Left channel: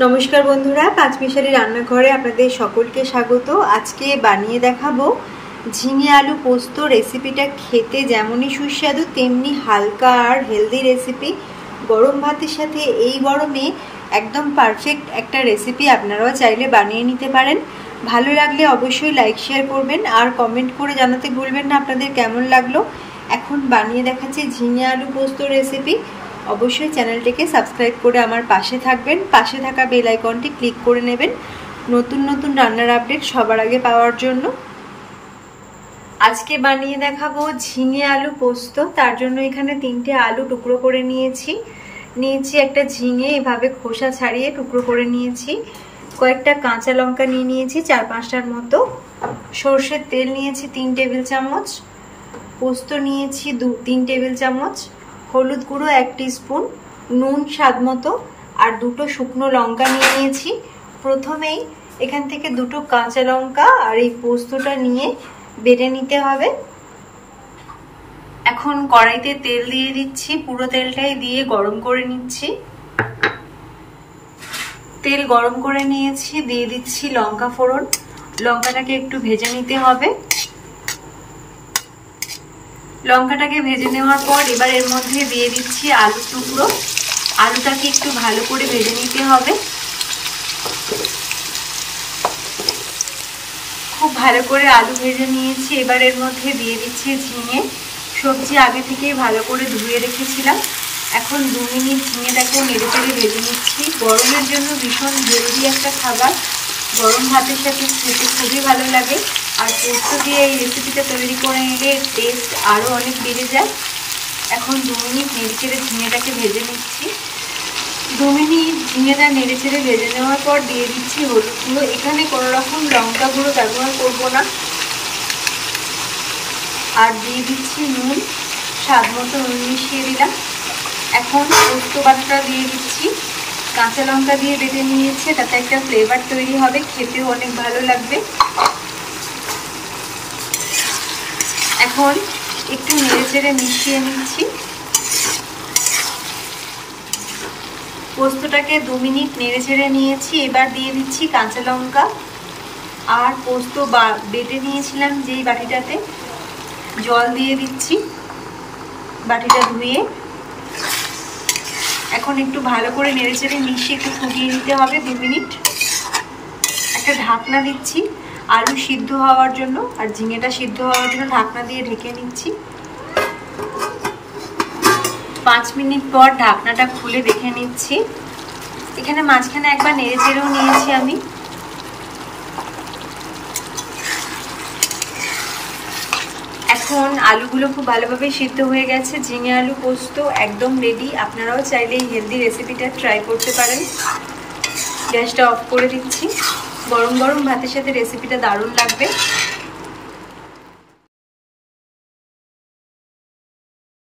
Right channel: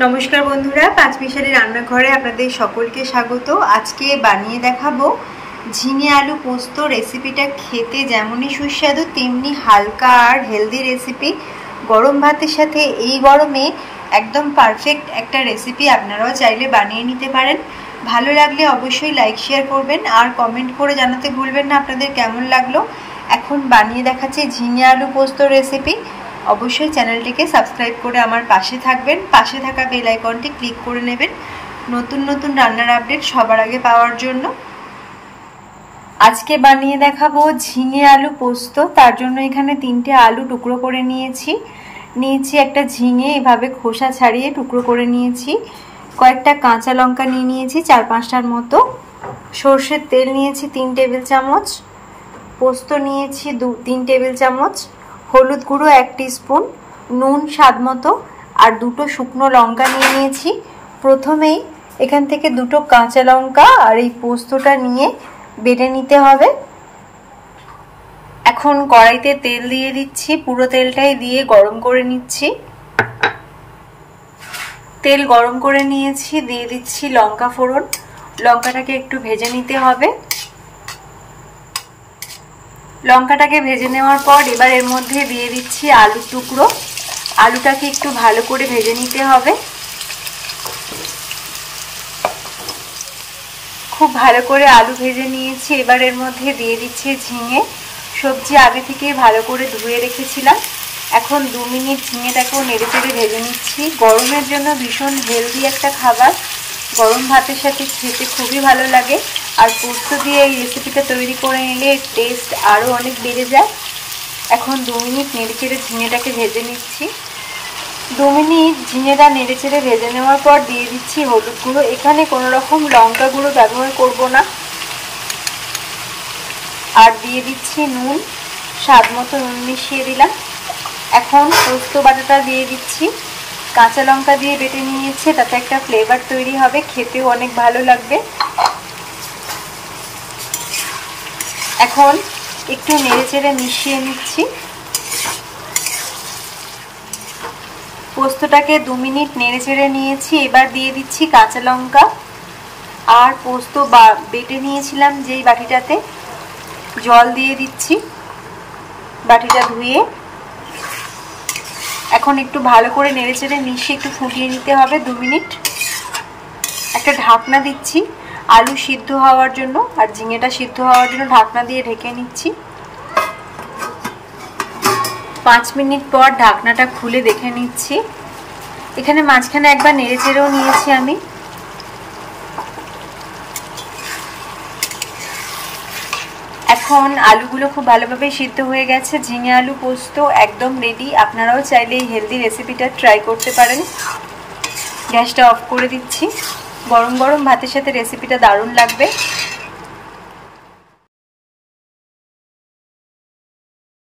नमस्कार बंधुरा पाँच मिशाली रान्नाघरे आपनादेर सकलके स्वागत। आज के बानिये देखाबो झिंगे आलू पोस्त। रेसिपिटा खेते जेमनई सुस्वादु तेमनि हालका और हेल्दी रेसिपि। गरम भातेर साथे एई गरमे एकदम पारफेक्ट एकटा रेसिपि आपनाराও चाइले बानिये निते पारेन। भालो लागले अवश्यई लाइक शेयर करबेन और कमेंट करे जानाते भुलबेन ना आपनादेर केमन लागलो। एखन बानिये देखाচ্ছি झिंगे आलू पोस्त रेसिपि। अवश्य चैनलটিকে सबस्क्राइब করে আমার পাশে থাকবেন, পাশে থাকা বেল আইকনটি ক্লিক করে নেবেন নতুন নতুন রান্নার আপডেট সবার আগে পাওয়ার জন্য। আজকে বানিয়ে দেখাবো ঝিঙে আলু পোস্ত। তার জন্য এখানে 3টে আলু টুকরো করে নিয়েছি একটা ঝিঙে এভাবে খোসা ছাড়িয়ে টুকরো করে নিয়েছি, কয়েকটা কাঁচা লঙ্কা নিয়েছি 4-5টার মতো, সরষের তেল নিয়েছি 3 টেবিল চামচ, পোস্ত নিয়েছি 3 টেবিল চামচ, হলুদ গুঁড়ো 1 টিস্পুন, নুন স্বাদ মতো আর 2টো শুকনো লঙ্কা নিয়েছি। প্রথমেই এখান থেকে 2টো কাঁচা লঙ্কা আর এই পোস্তটা নিয়ে বেটে নিতে হবে। এখন কড়াইতে তেল দিয়ে দিচ্ছি, পুরো তেলটাই দিয়ে গরম করে নিচ্ছি। তেল গরম করে নিয়েছি, দিয়ে দিচ্ছি লঙ্কা ফোড়ন। লঙ্কাটাকে একটু ভেজে নিতে হবে। লঙ্কাটাকে ভেজে নেওয়ার পর এবার এর মধ্যে দিয়ে দিচ্ছি আলু টুকরো। আলুটাকে একটু ভালো করে ভেজে নিতে হবে। খুব ভালো করে আলু ভেজে নিয়েছি। এবার এর মধ্যে দিয়ে দিচ্ছি ঝিঙে। সবজি আগে থেকে ভালো করে ধুয়ে রেখেছিলাম। এখন 2 মিনিট ঝিঙেটাকে নেড়েচেড়ে ভেজে নিচ্ছি। গরমের জন্য ভীষণ হেলদি একটা খাবার, গরম ভাতের সাথে খেতে খুবই ভালো লাগে। আর পোস্ত দিয়ে এই রেসিপিটা তৈরি করে নিলে টেস্ট আরও অনেক বেড়ে যায়। এখন 2 মিনিট নেড়েচেড়ে ঝিঙেটাকে ভেজে নিচ্ছি। 2 মিনিট ঝিঙেটা নেড়েচেড়ে ভেজে নেওয়ার পর দিয়ে দিচ্ছি হলুদ গুঁড়ো। এখানে কোনো রকম লঙ্কা গুঁড়ো ব্যবহার করব না। আর দিয়ে দিচ্ছি নুন, স্বাদ মতো নুন মিশিয়ে দিলাম। এখন পোস্ত বাটাটা দিয়ে দিচ্ছি। কাঁচা লঙ্কা দিয়ে বেটে নিয়েছে, তাতে একটা ফ্লেভার তৈরি হবে, খেতেও অনেক ভালো লাগবে। এখন একটু নেড়েচেড়ে মিশিয়ে নিচ্ছি। পোস্তটাকে 2 মিনিট নেড়েচেড়ে নিয়েছি। এবার দিয়ে দিচ্ছি কাঁচা লঙ্কা আর পোস্ত বেটে নিয়েছিলাম যেই বাটিটাতে, জল দিয়ে দিচ্ছি বাটিটা ধুয়ে। এখন একটু ভালো করে নেড়েচেড়ে মিশিয়ে একটু ফুটিয়ে নিতে হবে 2 মিনিট। একটা ঢাকনা দিচ্ছি আলু সিদ্ধ হওয়ার জন্য আর ঝিঙেটা সিদ্ধ হওয়ার জন্য ঢাকনা দিয়ে ঢেকে নিচ্ছি। 5 মিনিট পর ঢাকনাটা খুলে দেখে নিচ্ছি। এখানে মাঝখানে একবার নেড়েচেড়েও নিয়েছি আমি। এখন আলুগুলো খুব ভালোভাবে সিদ্ধ হয়ে গেছে। ঝিঙে আলু পোস্ত একদম রেডি। আপনারাও চাইলে এই হেলদি রেসিপিটা ট্রাই করতে পারেন। গ্যাসটা অফ করে দিচ্ছি। গরম গরম ভাতের সাথে রেসিপিটা দারুণ লাগবে।